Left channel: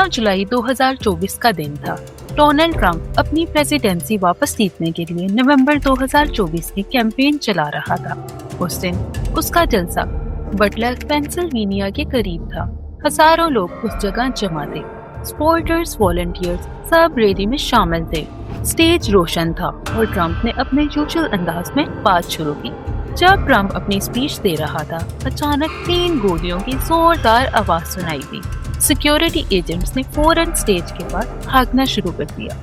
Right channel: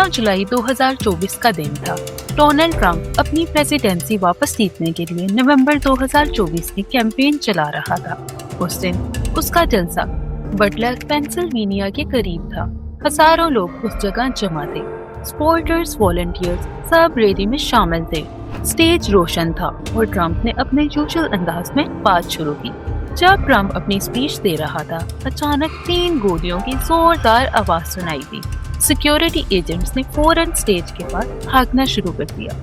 13 जुलाई 2024 का दिन था। डोनाल्ड ट्रंप अपनी प्रेसिडेंसी वापस जीतने के लिए नवंबर 2024 की कैंपेन चला रहा था। उस दिन उसका जलसा बटलर, पेंसिल्वेनिया के करीब था। हजारों लोग उस जगह जमा थे। सपोर्टर्स, वॉलंटियर्स सब रैली में शामिल थे। स्टेज रोशन था और ट्रंप ने अपने यूजुअल अंदाज में बात शुरू की। जब ट्रंप अपनी स्पीच दे रहा था, अचानक 3 गोलियों की जोरदार आवाज सुनाई दी। सिक्योरिटी एजेंट्स ने फौरन स्टेज के पास भागना शुरू कर दिया।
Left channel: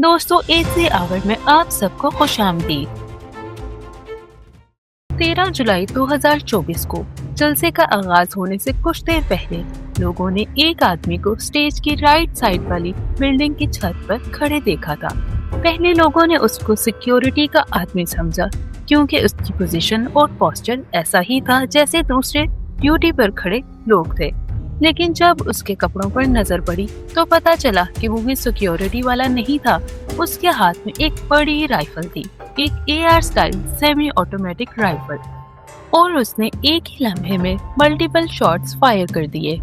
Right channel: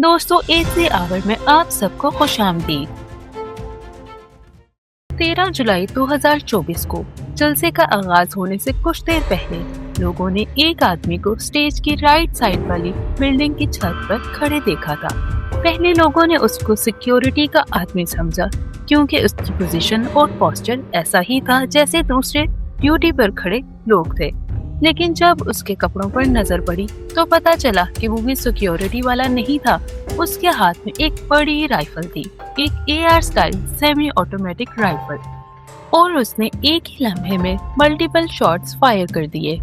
दोस्तों, AC आवर में आप सबको खुशामदीद। 13 जुलाई 2024 को जलसे का आगाज होने से कुछ देर पहले लोगों ने एक आदमी को स्टेज की राइट साइड वाली बिल्डिंग की छत पर खड़े देखा था। पहले लोगों ने उसको सिक्योरिटी का आदमी समझा, क्योंकि उसकी पोजीशन और पोस्चर ऐसा ही था जैसे दूसरे ड्यूटी पर खड़े लोग थे। लेकिन जब उसके कपड़ों पर नजर पड़ी तो पता चला कि वो भी सिक्योरिटी वाला नहीं था। उसके हाथ में एक बड़ी राइफल थी, एक AR style semi automatic rifle, और उसने एक ही लम्हे में मल्टीपल शॉट्स फायर कर दिए।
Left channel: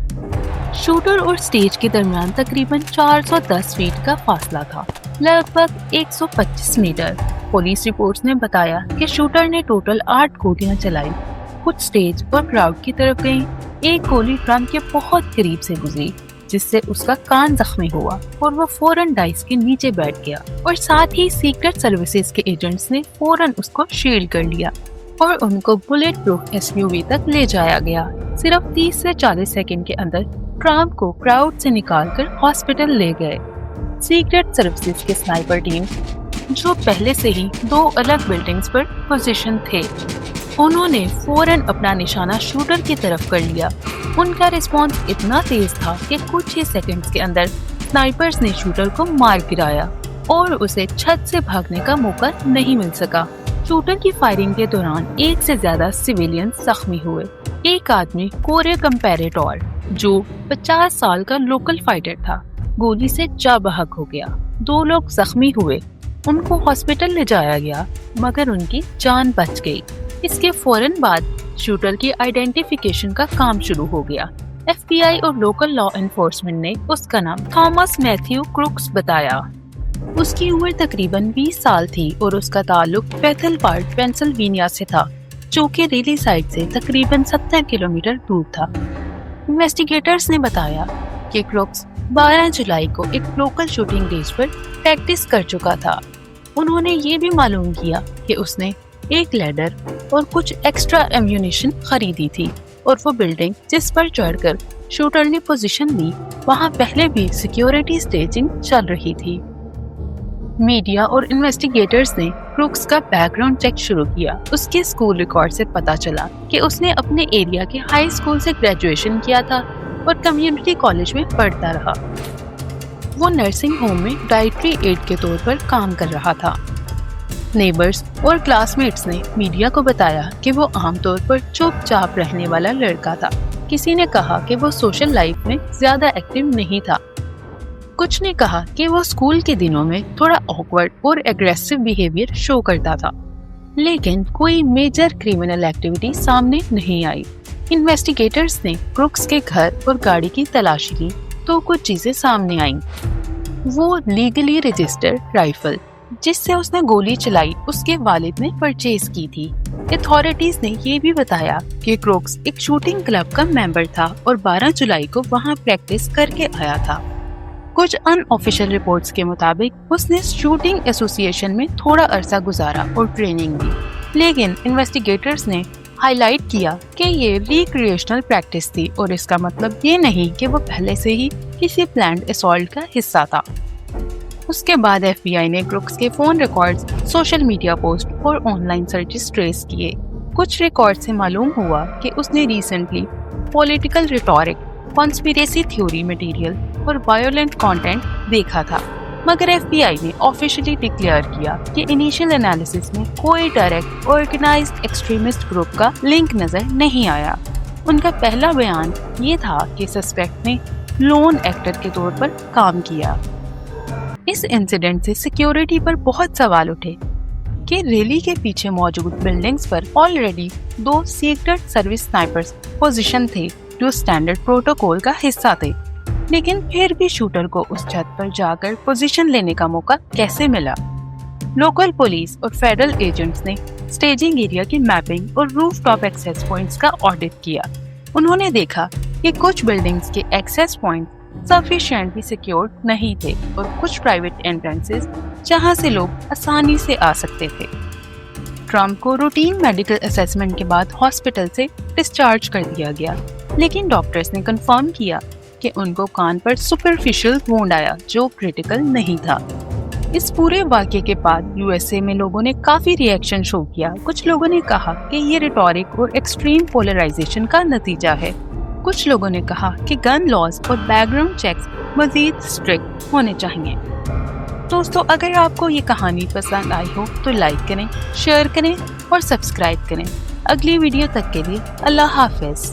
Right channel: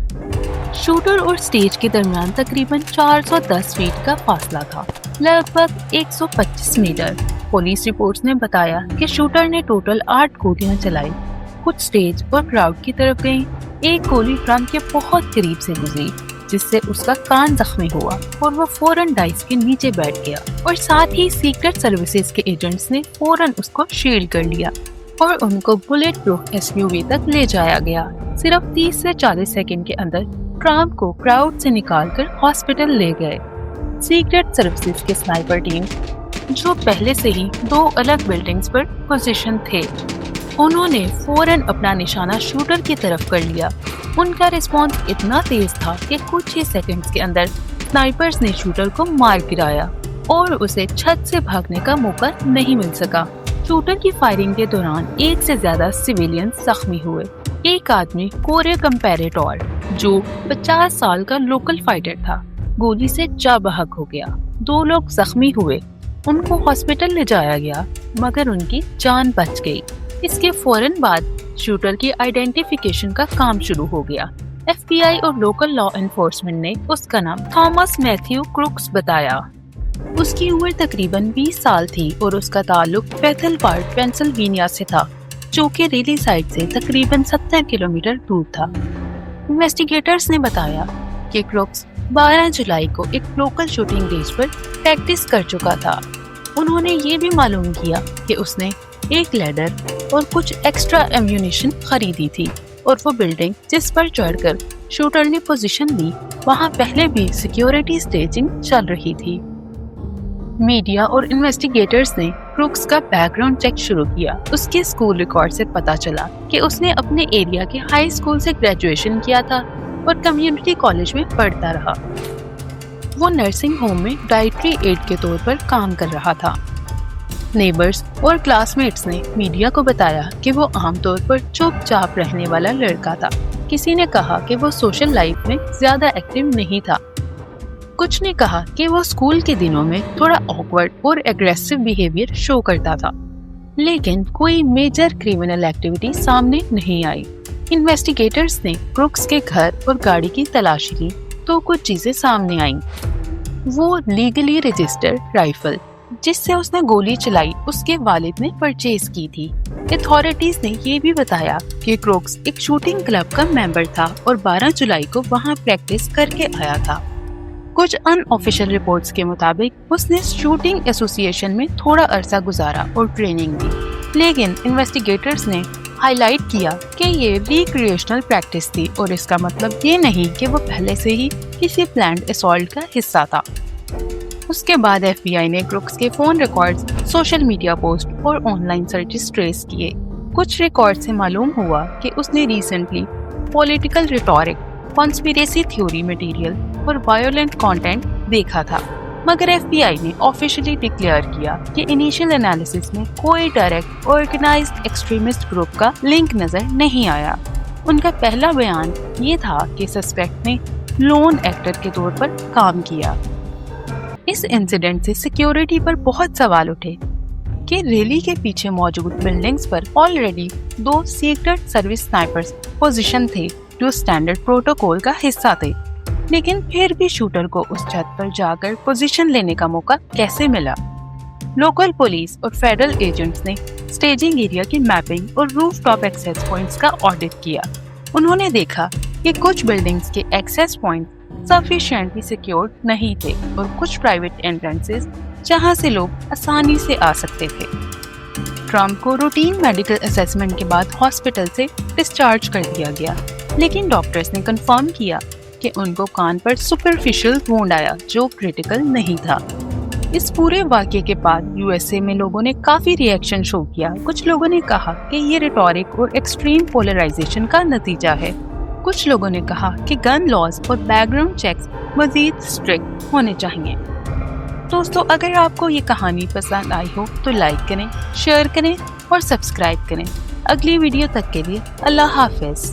शूटर और स्टेज के दरमियान तकरीबन 410 फीट का फासला था, लगभग 125 मीटर। पुलिस रिपोर्ट्स ने बताया कि शूटर ने टोटल 8 गोलियां चलाई। कुछ स्टेज और क्राउड की तरफ गई। एक गोली ट्रंप के बहुत करीब से गुजरी, जिससे उसका कान जख्मी हुआ और वो फौरन डाइस के नीचे बैठ गया। और साथ ही सीक्रेट सर्विसेज के एजेंट्स ने फौरन उसको शील्ड कर लिया और उनको बुलेट प्रूफ SUV तक ले जाया गया। सिर्फ 30 से 40 सेकंड के अंदर ट्रंप को क्राउड से निकालकर हॉस्पिटल ले गए। सीक्रेट सर्विसेज के स्नाइपर टीम, जो पहले से ही 2 अलग बिल्डिंग्स पर पोजीशन थे, उन्होंने फौरन अपना निशाना शूटर की तरफ कर लिया। उनका रिस्पॉन्स इतना तेज था कि कुछ ही सेकंड्स के अंदर स्नाइपर्स ने शूटर को मार गिराया और उसे छत से भागने का मौका नहीं मिल सका। शूटर की फायरिंग के दौरान 1 से ज्यादा सिविलियन जख्मी हुए। एक आदमी कोरे कंपैरेटोर, जो 50 साल का लोकल फाइटर था, गोली से जा बहक हो गया। 2 लोग जख्मी हुए। उनको हॉस्पिटल ले जाया गया, मगर उनकी जान बच गई। इसके फौरन बाद शूटर की आइडेंटिफिकेशन का काम शुरू हो गया। FBI और लोकल लॉ एनफोर्समेंट ने उसका नाम थॉमस मैथ्यू क्रूक्स बताया। उसकी उम्र तकरीबन 20 साल थी और उसका ताल्लुक बेथल पार्क, पेंसिल्वेनिया से था, जो कि रिली साइड से तकरीबन 70 किलोमीटर दूर था। इन्वेस्टिगेटर्स ने बताया कि क्रूक्स 12 जुलाई को एक लोकल शूटिंग रेंज पर प्रैक्टिस कर चुका था। उन्होंने ये भी मालूम किया कि उसने एक लैडर और कुछ एक्स्ट्रा एम्यूनिशन खरीदी थी और वो बिल्डिंग जिस पर चढ़कर शूटर ने पोजीशन ली, वहाँ पहले भी सिक्योरिटी स्टेजिंग चल रही थी। मीडिया और इन्वेस्टिगेटर्स ने क्रूक्स का बैकग्राउंड चेक शुरू किया। उसके स्कूल रिकॉर्ड से पता चला कि उसने अपने एरिया के हाई स्कूल से ग्रेजुएशन किया था और कम्युनिटी कॉलेज में पढ़ता रहा। वो नर्सिंग होम में डाइटरी एड के तौर पर काम कर रहा था। नेबर्स और क्लासमेट्स ने मीडिया को बताया कि वो आमतौर पर चुपचाप रहने वाला लड़का था। किसी ने कहा कि वो सोशल लाइफ में ज्यादा एक्टिव नहीं था। कुछ ने कहा कि वो स्कूल के दिनों में थोड़ा ऑकवर्ड और एग्रेसिव बिहेवियर शो करता था, लेकिन कोई मेजर क्रिमिनल एक्टिविटी सामने नहीं आई। इन्वेस्टिगेटर्स ने क्रूक्स के घर और गाड़ी की तलाशी की तो कुछ चीजें सामने आईं। वो लीगली रजिस्टर्ड राइफल जिससे उसने गोली चलाई, उसके वालिद ने परचेज की थी। अथॉरिटीज ने ये भी बताया कि क्रूक्स एक शूटिंग क्लब का मेंबर था और 12 जुलाई को वहाँ प्रैक्टिस करके आया था। कुछ अनऑफिशियल रिपोर्ट्स के मुताबिक उसने शूटिंग एसोसिएशन में थोड़ा अरसा गुजारा और ट्रेनिंग दी, लेकिन इन्वेस्टिगेटर्स ने हाईलाइट किया कि ये रिक्रिएशनल प्रैक्टिस थी और इसका मतलब ये नहीं कि वो पहले से ही किसी प्लान्ड असॉल्ट का हिस्सा था। उसके बाद FBI ने क्रूक्स के phone records, social media post और ऑनलाइन सर्चेस ट्रेस किए। कुछ रिकॉर्ड से मालूम हुआ कि उसने recently political rhetoric, conspiracy theory material और वायलेंट कंटेंट देखा था, मगर FBI ने ऑफिशियली डिक्लेयर किया कि इनिशियल एनालिसिस में कोई डायरेक्ट ऑर्गेनाइज्ड एक्सट्रीमिस्ट ग्रुप का लिंक नजर नहीं आया। उनका पहला बयान ये था कि सस्पेक्ट ने लोन एक्टर के तौर पर काम किया। इस इंसिडेंट से सिक्योरिटी पर बहुत सवाल उठे कि रैली के पीछे मौजूद बिल्डिंग्स पर already 2 secret service snipers position थे जो स्टैंडर्ड प्रोटोकॉल का हिस्सा थे, लेकिन फिर भी शूटर को उस छत पर जाकर पोजीशन लेने का मौका कैसे मिला? लोकल पुलिस और फेडरल एजेंट्स ने स्टेजिंग एरिया की मैपिंग और रूफटॉप एक्सेस पॉइंट्स का ऑडिट किया। उन्होंने देखा कि कुछ बिल्डिंग्स के एक्सेस पॉइंट सफिशिएंटली सिक्योर्ड नहीं थे और कुछ प्राइवेट एंट्रेंसेस जहां से लोग आसानी से आ सकते थे। ट्रम्प को रूटीन मेडिकल असेसमेंट के बाद हॉस्पिटल से डिस्चार्ज कर दिया गया, लेकिन डॉक्टर्स ने कंफर्म किया कि उनको कान पर सुपरफिशियल वुंड आया जो क्रिटिकल नहीं था। इस पूरे वाक़ये के बाद यूएसए में लोगों ने काफी रिएक्शन शो किया। कुछ लोगों ने कहा कि ये रिटॉरिक और एक्सट्रीम पोलराइजेशन का नतीजा है। कुछ लोगों ने कहा कि गन लॉज और बैकग्राउंड चेक्स मजीद स्ट्रिक्ट होने चाहिए। दोस्तों, अगर आपको ये कहानी पसंद आई हो तो लाइक करें, शेयर करें और सब्सक्राइब करें। अगली वीडियो तक के लिए अल्लाह हाफिज।